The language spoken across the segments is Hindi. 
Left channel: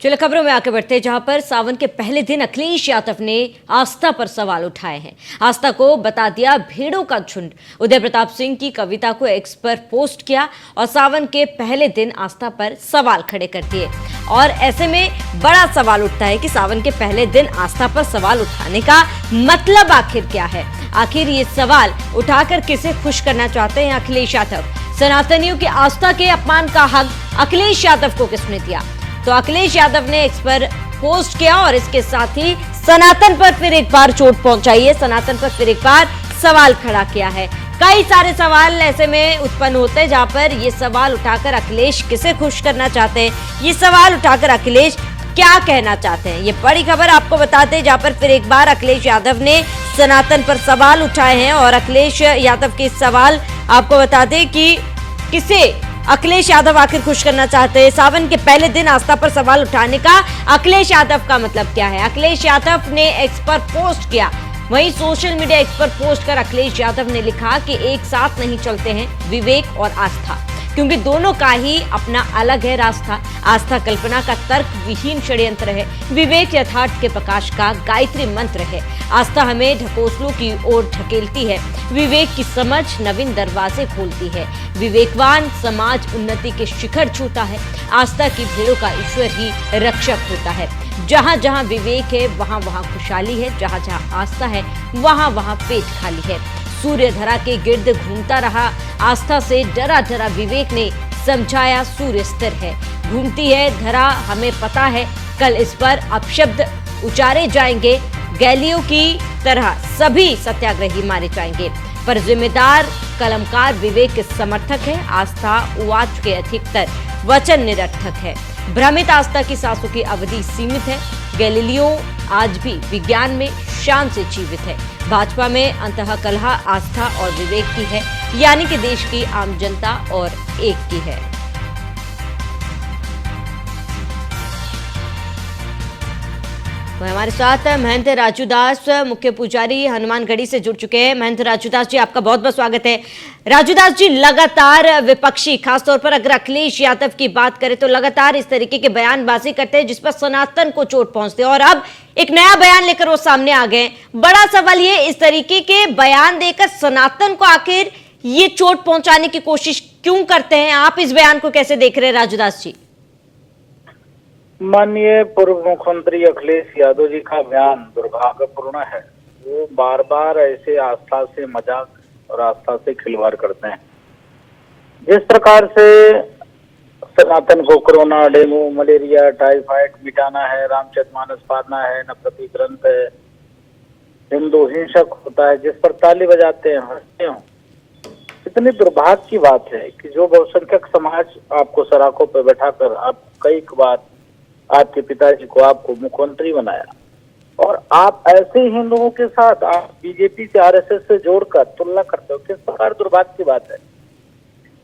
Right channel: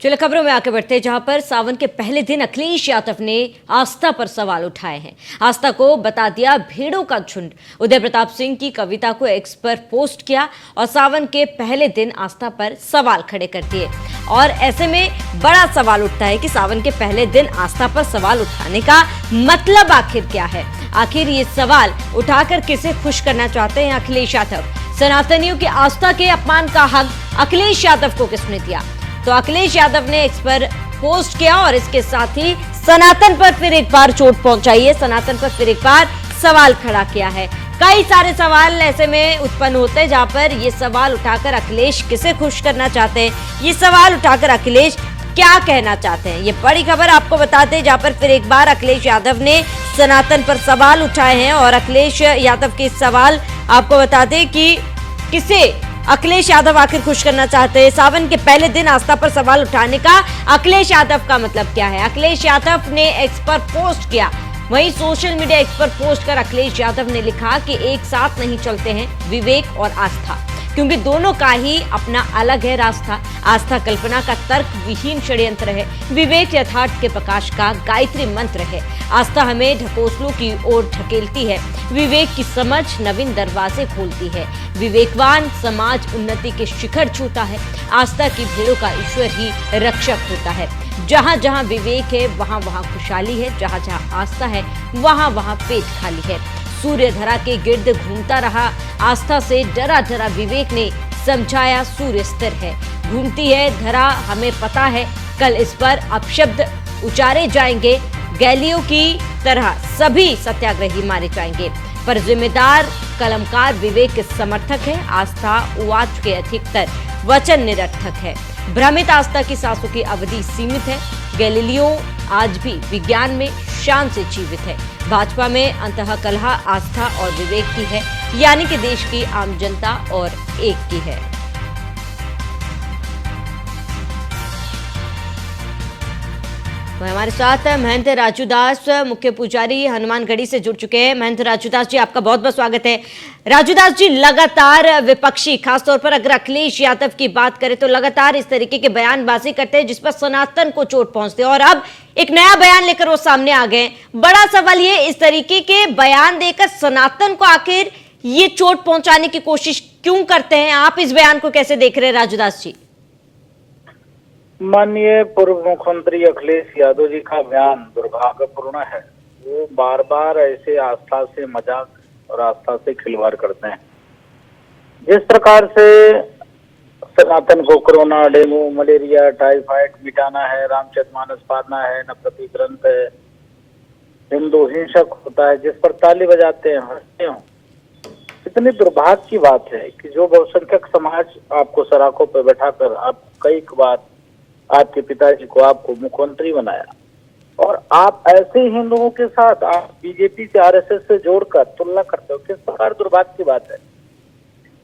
चलो खबरों में आगे बढ़ते हैं, जहां पर सावन के पहले दिन अखिलेश यादव ने आस्था पर सवाल उठाए हैं। आस्था को बता दिया भेड़ों का झुंड। उदय प्रताप सिंह की कविता को एक्स पर पोस्ट किया और सावन के पहले दिन आस्था पर सवाल खड़े कर दिए। और ऐसे में बड़ा सवाल उठता है कि सावन के पहले दिन आस्था पर सवाल उठाने का मतलब आखिर क्या है। आखिर ये सवाल उठाकर किसे खुश करना चाहते हैं अखिलेश यादव। सनातनियों की आस्था के अपमान का हक अखिलेश यादव को किसने दिया। तो अखिलेश यादव ने एक्स पर पोस्ट किया और इसके साथ ही सनातन पर फिर एक बार चोट पहुंचाई है। सनातन पर फिर एक बार सवाल खड़ा किया है। कई सारे सवाल ऐसे में उत्पन्न होते हैं, जहां पर ये सवाल उठाकर अखिलेश किसे खुश करना चाहते हैं, ये सवाल उठाकर अखिलेश क्या कहना चाहते हैं। ये बड़ी खबर आपको बताते हैं, जहां पर फिर एक बार अखिलेश यादव ने सनातन पर सवाल उठाए हैं। और अखिलेश यादव के सवाल आपको बताते हैं कि किसे अखिलेश यादव आखिर खुश करना चाहते हैं। सावन के पहले दिन आस्था पर सवाल उठाने का अखिलेश यादव का मतलब क्या है। अखिलेश यादव ने एक्स पर पोस्ट किया, वहीं सोशल मीडिया एक्स पर पोस्ट कर अखिलेश यादव ने लिखा कि एक साथ नहीं चलते हैं विवेक और आस्था, क्योंकि दोनों का ही अपना अलग है रास्ता। आस्था कल्पना का तर्क विहीन षड्यंत्र है, विवेक यथार्थ के प्रकाश का गायत्री मंत्र है। आस्था हमें ढकोसलों की ओर ढकेलती है, विवेक की समझ नवीन दरवाजे खोलती है। विवेकवान समाज उन्नति के शिखर छूता है, आस्था की भेड़ों का ईश्वर ही रक्षक होता है। जहां जहां विवेक है वहां वहां खुशहाली है, जहां जहां आस्था है वहां वहां पेट खाली है। सूर्य धरा के गिर्द घूमता रहा, आस्था से डरा डरा विवेक ने समझाया सूर्य स्थिर है। घूमती है धरा हमें पता है, कल इस पर अपशब्द उचारे जाएंगे। गैलियों की तरह सभी सत्याग्रही मारे जाएंगे, पर जिम्मेदार कलमकार विवेक के समर्थक है। आस्था उवाच के अधिकतर वचन निरर्थक है। भ्रमित आस्था की सांसों की अवधि सीमित है। गैलीलियो आज भी विज्ञान में शान से जीवित है। भाजपा में अंतःकलह आस्था और विवेक की है, यानी कि देश की आम जनता और एक की है। हमारे साथ महंत राजूदास मुख्य पुजारी हनुमानगढ़ी से जुड़ चुके हैं। महंत राजूदास जी, आपका बहुत बहुत स्वागत है। राजूदास जी, लगातार विपक्षी, खासतौर पर अगर अखिलेश यादव की बात करें तो लगातार इस तरीके के बयानबाजी करते हैं जिस पर सनातन को चोट पहुंचती है, और अब एक नया बयान लेकर वो सामने आ गए। बड़ा सवाल ये, इस तरीके के बयान देकर सनातन को आखिर ये चोट पहुंचाने की कोशिश क्यों करते हैं। आप इस बयान को कैसे देख रहे हैं राजूदास जी। माननीय पूर्व मुख्यमंत्री अखिलेश यादव जी का बयान दुर्भाग्यपूर्ण है। वो बार बार ऐसे आस्था से मजाक और आस्था से खिलवाड़ करते हैं। जिस प्रकार से सनातन को कोरोना, डेंगू, मलेरिया, टाइफाइड मिटाना है, रामचरितमानस पढ़ना है, नवपति ग्रंथ है, हिंदू हिंसक होता है, जिस पर ताली बजाते हैं, हंसते हो। इतनी दुर्भाग्य की बात है कि जो बहुसंख्यक समाज आपको सड़कों पर बैठाकर आप कई बार आपके पिताजी को आपको मुख्यमंत्री बनाया, और आप ऐसे हिंदुओं के साथ आप बीजेपी से, आरएसएस से जोड़कर तुलना करते हो। किस प्रकार दुर्भाग्य की बात है।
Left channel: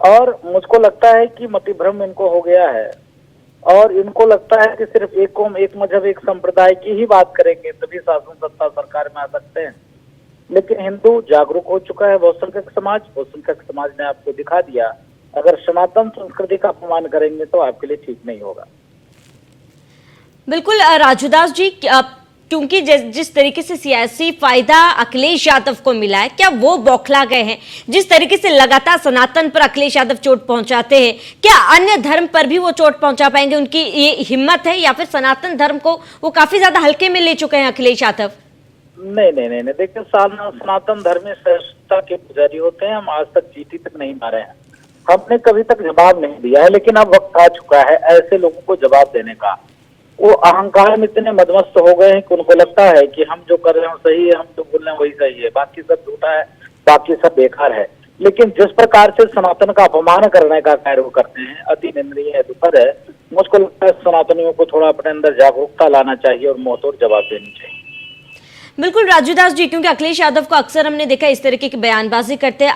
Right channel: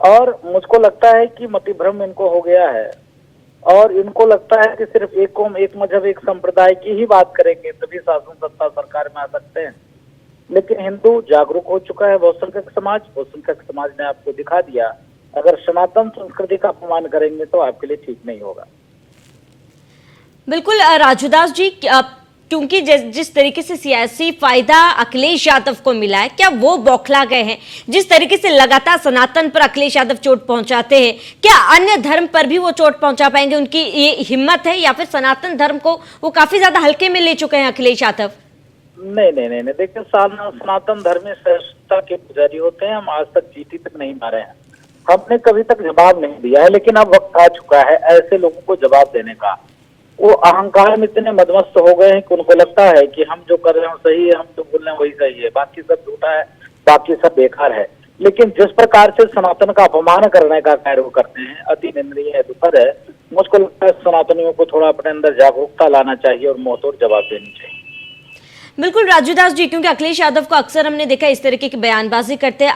और मुझको लगता है कि मतिभ्रम इनको हो गया है, और इनको लगता है कि सिर्फ एक कौम, एक मजहब, एक संप्रदाय की ही बात करेंगे तभी शासन सत्ता सरकार में आ सकते हैं। लेकिन हिंदू जागरूक हो चुका है। बहुसंख्यक समाज ने आपको दिखा दिया, अगर सनातन संस्कृति का अपमान करेंगे तो आपके लिए ठीक नहीं होगा। बिल्कुल राजूदास जी, क्योंकि जिस तरीके से सियासी फायदा अखिलेश यादव को मिला है, क्या वो बौखला गए हैं। जिस तरीके से लगातार सनातन पर अखिलेश यादव चोट पहुंचाते हैं, क्या अन्य धर्म पर भी वो चोट पहुंचा पाएंगे। उनकी ये हिम्मत है, या फिर सनातन धर्म को वो काफी ज्यादा हल्के में ले चुके हैं अखिलेश यादव। नहीं, देखिए, सनातन धर्म में श्रेष्ठता के पुजारी होते हैं। हम आज तक चीटी तक नहीं मारे हैं, हमने कभी तक जवाब नहीं दिया है। लेकिन अब वक्त आ चुका है ऐसे लोगों को जवाब देने का। वो अहंकार में इतने मदमस्त हो गए हैं कि उनको लगता है कि हम जो कर रहे हैं सही है, हम जो बोल रहे हैं वही सही है, बाकी सब झूठा है, बाकी सब बेकार है। लेकिन जिस प्रकार से सनातन का अपमान करने का कार्य वो करते हैं, अति निंदनीय है, दुखद है। मुझको लगता है सनातनियों को थोड़ा अपने अंदर जागरूकता लाना चाहिए और मुंहतोड़ जवाब देनी चाहिए। बिल्कुल राजूदास जी, क्योंकि अखिलेश यादव को अक्सर हमने देखा इस तरीके की बयानबाजी करते हैं।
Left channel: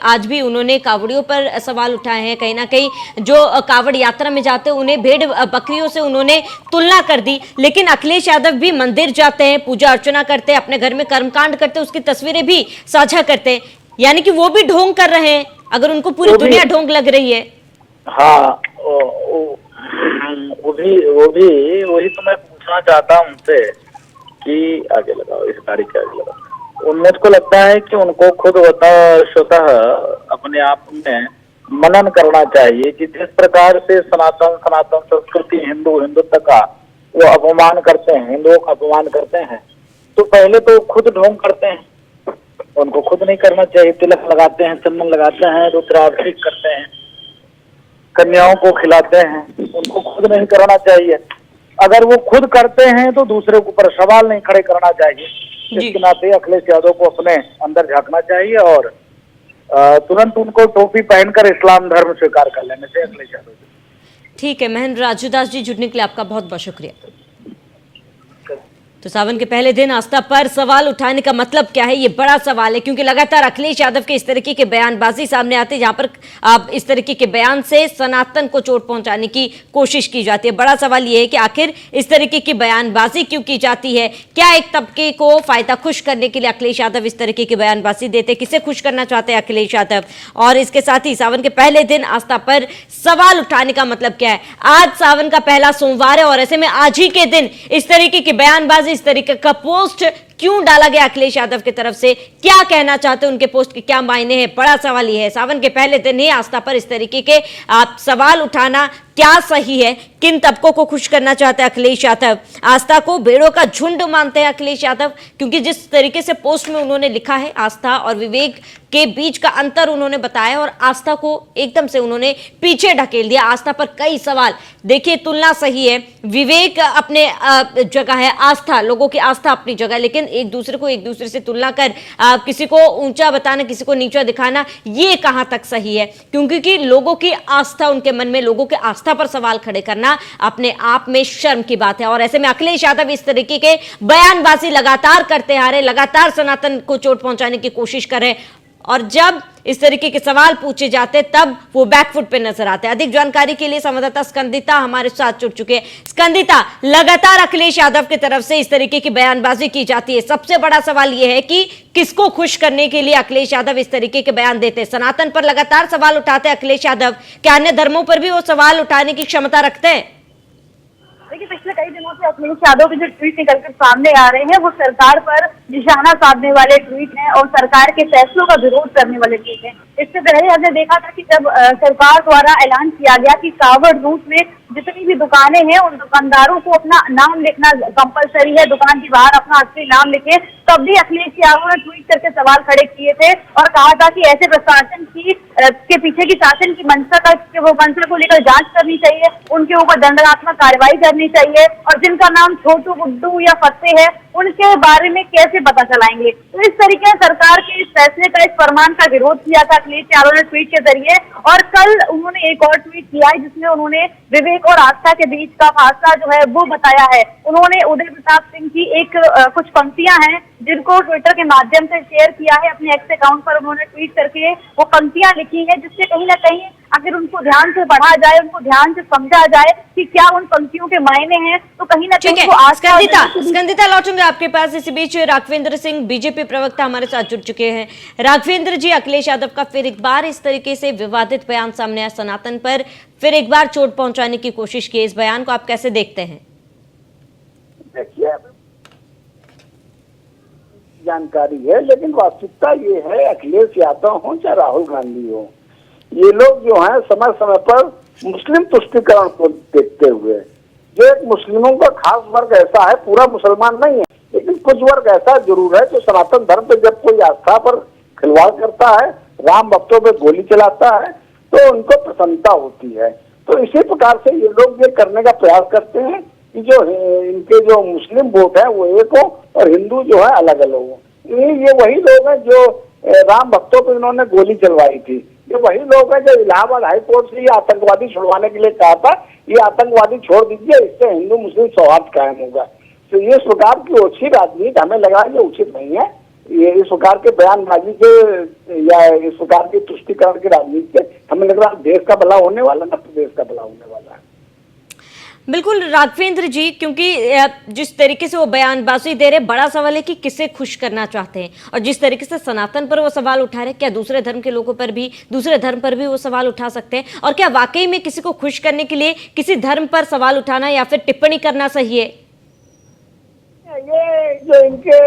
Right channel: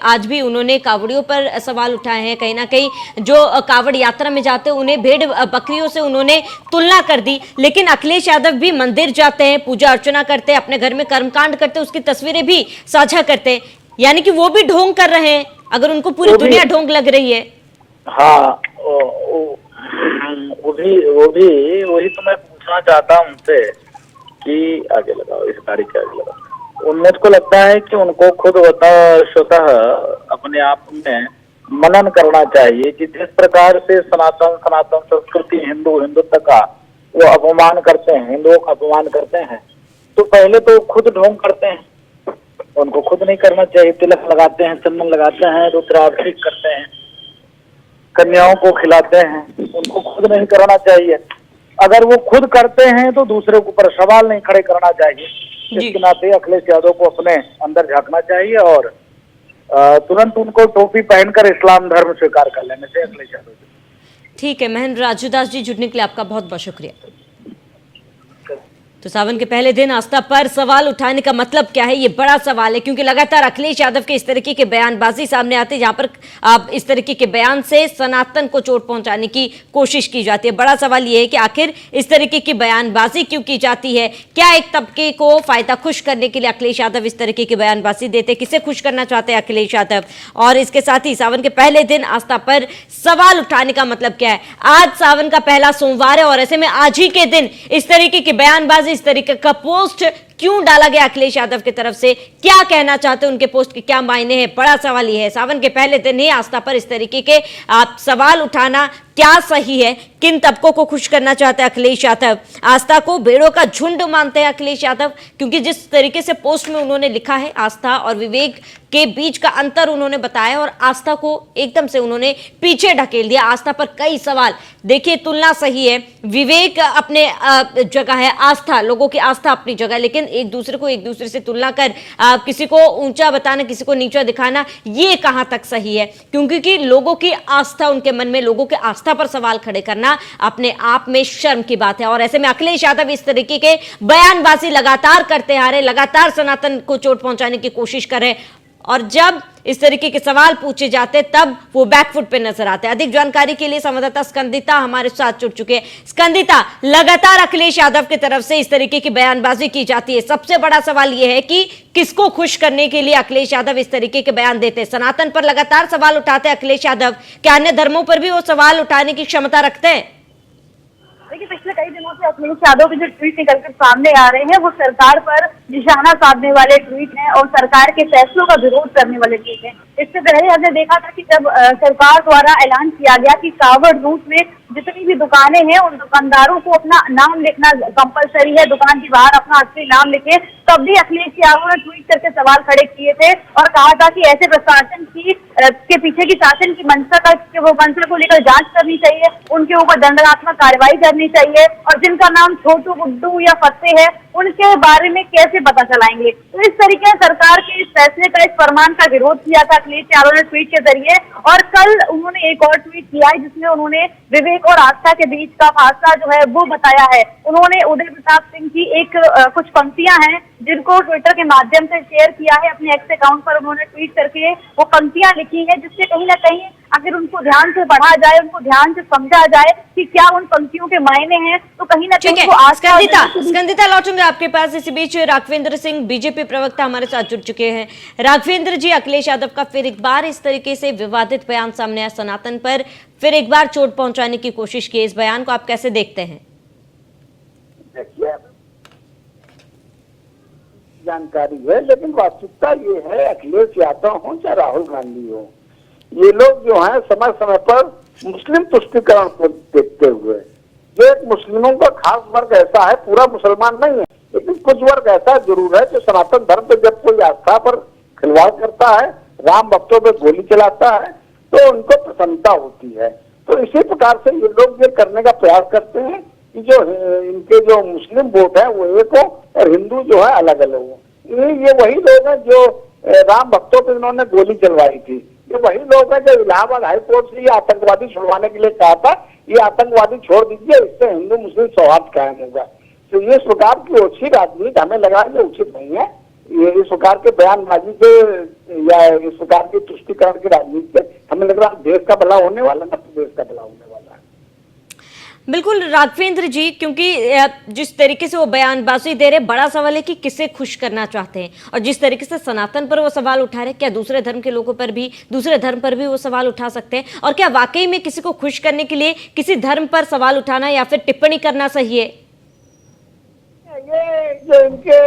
आज भी उन्होंने कावड़ियों पर सवाल उठाए हैं। कहीं ना कहीं जो कावड़ यात्रा में जाते हैं उन्हें भेड़ बकरियों से उन्होंने तुलना कर दी। लेकिन अखिलेश यादव भी मंदिर जाते हैं, पूजा अर्चना करते हैं, अपने घर में कर्मकांड करते हैं, उसकी तस्वीरें भी साझा करते हैं, यानी कि वो भी ढोंग कर रहे हैं, अगर उनको पूरी दुनिया ढोंग लग रही है। हाँ, वही तो मैं पूछना चाहता हूँ उनसे कि आगे लगाओ, इस गाड़ी के आगे लगाओ। मुझको लगता है कि उनको खुद स्वतः अपने आप में मनन करना चाहिए कि जिस प्रकार से सनातन संस्कृति हिंदुत्व का वो अपमान करते हैं, हिंदुओं का अपमान करते हैं, तो पहले तो खुद ढोंग करते हैं। उनको खुद नहीं करना चाहिए। तिलक लगाते हैं, चंदन लगाते हैं, रुद्राभिषेक करते हैं, कन्याओं को खिलाते हैं, उनको खुद नहीं करना चाहिए। अगर वो खुद करते हैं तो दूसरे के ऊपर सवाल नहीं खड़े करना चाहिए। इसके नाते अखिलेश यादव को अपने अंदर झांकना चाहिए और तुरंत उनको टोपी पहनकर इस्लाम धर्म स्वीकार कर लेने चाहिए अखिलेश यादव। ठीक है, महेंद्र राजूदास जी, जुड़ने के लिए आपका बहुत बहुत शुक्रिया। तो सावन के पहले दिन आस्था पर सवाल उठाने का मतलब क्या है, ये बड़ा सवाल है, क्योंकि लगातार अखिलेश यादव के इस तरीके के बयानबाजी सामने आते हैं, जहां पर इस तरीके के बयान से सनातन को चोट पहुंचाने की कोशिश की जाती है। बड़ा सवाल ये है कि आखिर इस तरीके की बयानबाजी क्यों की जाती है? क्या एक तबके को फायदा खुश करने के लिए अखिलेश यादव इस तरीके की बयानबाजी देते? किसे खुश करना चाहते हैं अखिलेश यादव? और इसके साथ ही सावन के पहले दिन आस्था पर सवाल उठाने का मतलब क्या है? आज सावन का पहला सोमवार है और ऐसे में आज ही के दिन इस तरीके की बयानबाजी, इस तरीके का पोस्ट क्यों डाला गया अखिलेश यादव की तरफ से? क्या कहना चाहते हैं? उनके पोस्ट के क्या मायने हैं? बड़ा सवाल ये है। सावन के पहले दिन ही आस्था पर इस तरीके के सवाल उठाना क्या सही है? किन तबकों को खुश करना चाहते हैं अखिलेश यादव? आस्था को भेड़ों का झुंड मानते हैं अखिलेश यादव, क्योंकि जिस तरीके से पोस्ट में उन्होंने लिखा है आस्था और विवेक के बीच का अंतर उन्होंने बताया और आस्था को एकदम से उन्होंने पीछे ढकेल दिया। आस्था पर कई सवाल, देखिए तुलना सही है, विवेक अपने जगह है, आस्था, लोगों की आस्था अपनी जगह, लेकिन एक दूसरे से तुलना कर किसी को ऊंचा बताना, किसी को नीचा दिखाना, ये कहां तक सही है? क्योंकि लोगों की आस्था, उनके मन में लोगों की आस्था पर सवाल खड़े करना अपने आप में शर्म की बात है। और ऐसे में अखिलेश यादव इस तरीके के बयानबाजी लगातार करते आ रहे, लगातार सनातन को चोट पहुंचाने की कोशिश कर रहे, और जब इस तरीके के सवाल पूछे जाते तब वो बैकफुट पे नजर आते हैं। अधिक जानकारी के लिए संवाददाता स्कंदिता हमारे साथ जुड़ चुके हैं। स्कंदिता, लगातार अखिलेश यादव की तरफ से इस तरीके की बयानबाजी की जाती है, सबसे बड़ा सवाल यह है कि किसको खुश करने के लिए अखिलेश यादव इस तरीके के बयान देते हैं? सनातन पर लगातार सवाल उठाते हैं अखिलेश यादव, क्या अन्य धर्मों पर भी वो सवाल उठाने की क्षमता रखते हैं? देखिए, पिछले कई दिनों से अखिलेश यादव के जो ट्वीट निकलकर सामने आ रहे हैं वो सरकार पर निशाना साधने वाले ट्वीट हैं और सरकार के फैसलों का विरोध करने वाले ट्वीट हैं। इससे पहले हमने देखा था कि जब सरकार द्वारा ऐलान किया गया कि कावड़ रूट में जितनी भी दुकानें हैं उन दुकानदारों को अपना नाम लिखना कंपलसरी है, दुकान के बाहर अपना असली नाम लिखे, तब भी अखिलेश यादव ने ट्वीट करके सवाल खड़े किए थे और कहा था कि ऐसे प्रशासन के पीछे की शासन की मंशा को लेकर जांच करनी चाहिए, उनके ऊपर दंडात्मक कार्रवाई करनी चाहिए, और जिनका नाम छोटू, गुड्डू या फत्ते है उनके बारे में कैसे पता चलाएंगे। तो इस तरीके से सरकार के इस फैसले का, इस फरमान का विरोध किया था अखिलेश यादव ने ट्वीट के जरिए, और कल उन्होंने एक और ट्वीट किया है जिसमें उन्होंने विवेक और आस्था के बीच का फासला जो है वो बताया है। उन्होंने उदय प्रताप सिंह की कुछ पंक्तियां हैं जिनको ट्विटर के माध्यम से शेयर किया है अपने एक्स अकाउंट पर, उन्होंने ट्वीट करके वो पंक्तियां लिखी है, जिससे कहीं ना कहीं अगर उनको ध्यान से पढ़ा जाए, उनको ध्यान से समझा जाए कि क्या उन पंक्तियों के मायने हैं, तो कहीं ना कहीं वो स्कंदिता लौटूंगा आपके पास। इसी बीच राघवेंद्र सिंह बीजेपी प्रवक्ता हमारे साथ जुड़ चुके हैं। राघवेंद्र जी, अखिलेश यादव का फिर एक बार इस तरीके से विवादित बयान सामने आया, सनातन पर फिर एक बार चोट पहुंचाने की कोशिश की, इस बयान को आप कैसे देखते हैं? देखिए, जानकारी है, लेकिन वास्तविकता ये है, अखिलेश यादव हो चाहे राहुल गांधी हो, ये लोग जो है समय समय पर मुस्लिम तुष्टीकरण को देखते हुए, जो एक मुस्लिमों का खास वर्ग ऐसा है, पूरा मुसलमान नहीं है लेकिन कुछ वर्ग ऐसा जरूर है जो सनातन धर्म पे जब कोई आस्था पर खिलवाड़ करता है, राम भक्तों पे गोली चलाता है, तो उनको प्रसन्नता होती है। तो इसी प्रकार से ये लोग ये करने का प्रयास करते हैं कि जो इनके जो मुस्लिम वोट है वो एक हो और हिंदू जो है अलग अलग हो। ये वही लोग हैं जो राम भक्तों पे इन्होंने गोली चलवाई थी, ये वही लोग हैं जो इलाहाबाद हाईकोर्ट से ये आतंकवादी छुड़वाने के लिए कहा था, ये आतंकवादी छोड़ दीजिए, इससे हिंदू मुस्लिम सौहार्द कायम होगा। तो ये सरकार की ओछी राजनीति हमें लगा ये उचित नहीं है। ये इस प्रकार के बयानबाजी से या इस प्रकार की तुष्टीकरण की राजनीति से हमें लग रहा है देश का भला होने वाला, न प्रदेश का भला होने वाला है। बिल्कुल राघवेंद्र जी, क्योंकि जिस तरीके से वो बयानबाजी दे रहे, बड़ा सवाल है कि किसे खुश करना चाहते हैं। और जिस तरीके से सनातन पर वो सवाल उठा रहे, क्या दूसरे धर्म के लोगों पर भी, दूसरे धर्म पर भी वो सवाल उठा सकते हैं? और क्या वाकई में किसी को खुश करने के लिए किसी धर्म पर सवाल उठाना या फिर टिप्पणी करना सही है? ये जो इनके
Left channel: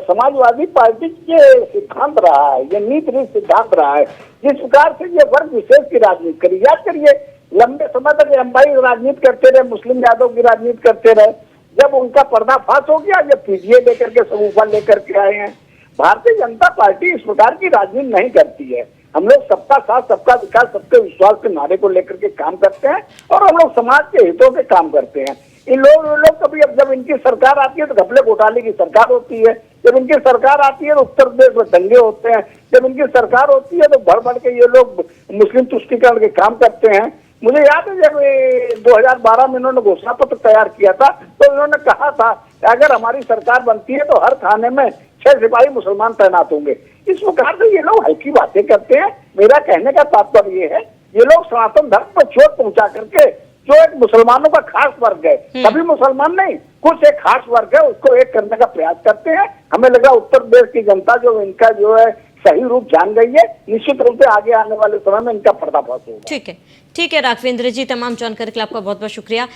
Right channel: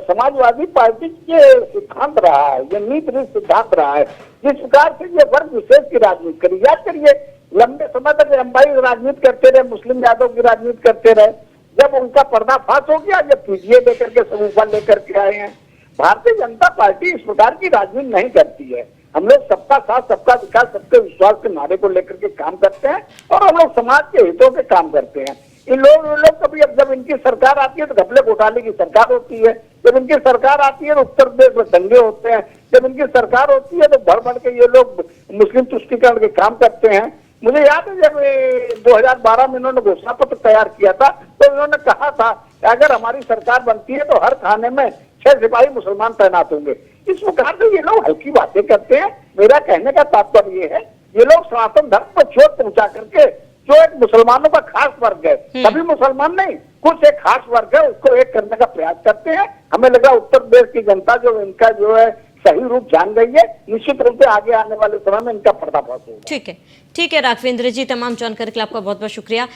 समाजवादी पार्टी के सिद्धांत रहा है, ये नीति सिद्धांत रहा है, जिस प्रकार से ये वर्ग विशेष की राजनीति करी। याद करिए, लंबे समय तक लंबाई राजनीति करते रहे, मुस्लिम यादव की राजनीति करते रहे। जब उनका पर्दाफाश हो गया, जब पीजीए लेकर के समूह लेकर के आए हैं। भारतीय जनता पार्टी इस प्रकार की राजनीति नहीं करती है। हम लोग सबका साथ, सबका विकास, सबके विश्वास के नारे को लेकर के काम करते हैं और हम लोग समाज के हितों के काम करते हैं। इन लोग कभी, अब जब इनकी सरकार आती है तो घपले घोटाले की सरकार होती है, जब इनकी सरकार आती है तो उत्तर प्रदेश में दंगे होते हैं, जब इनकी सरकार होती है तो भर भर के ये लोग मुस्लिम तुष्टीकरण के काम करते हैं। मुझे याद है जब 2012 में इन्होंने घोषणा पत्र तैयार किया था तो इन्होंने कहा था अगर हमारी सरकार बनती है तो हर थाने में 6 सिपाही मुसलमान तैनात होंगे। इस प्रकार से ये लोग हल्की बातें करते हैं। मेरा कहने का तात्पर्य ये है, ये लोग सनातन धर्म को चोट पहुंचा करके, जो एक मुसलमानों का खास वर्ग है, सभी मुसलमान नहीं, कुछ एक खास वर्ग है, उसको एक करने का प्रयास करते हैं। हमें लगा उत्तर प्रदेश की जनता जो इनका जो है सही रूप जान गई है, निश्चित रूप से आगे आने वाले समय में इनका पर्दाफाश होगा। ठीक है राघवेंद्र जी, तमाम जानकारी के लिए आपका बहुत बहुत शुक्रिया।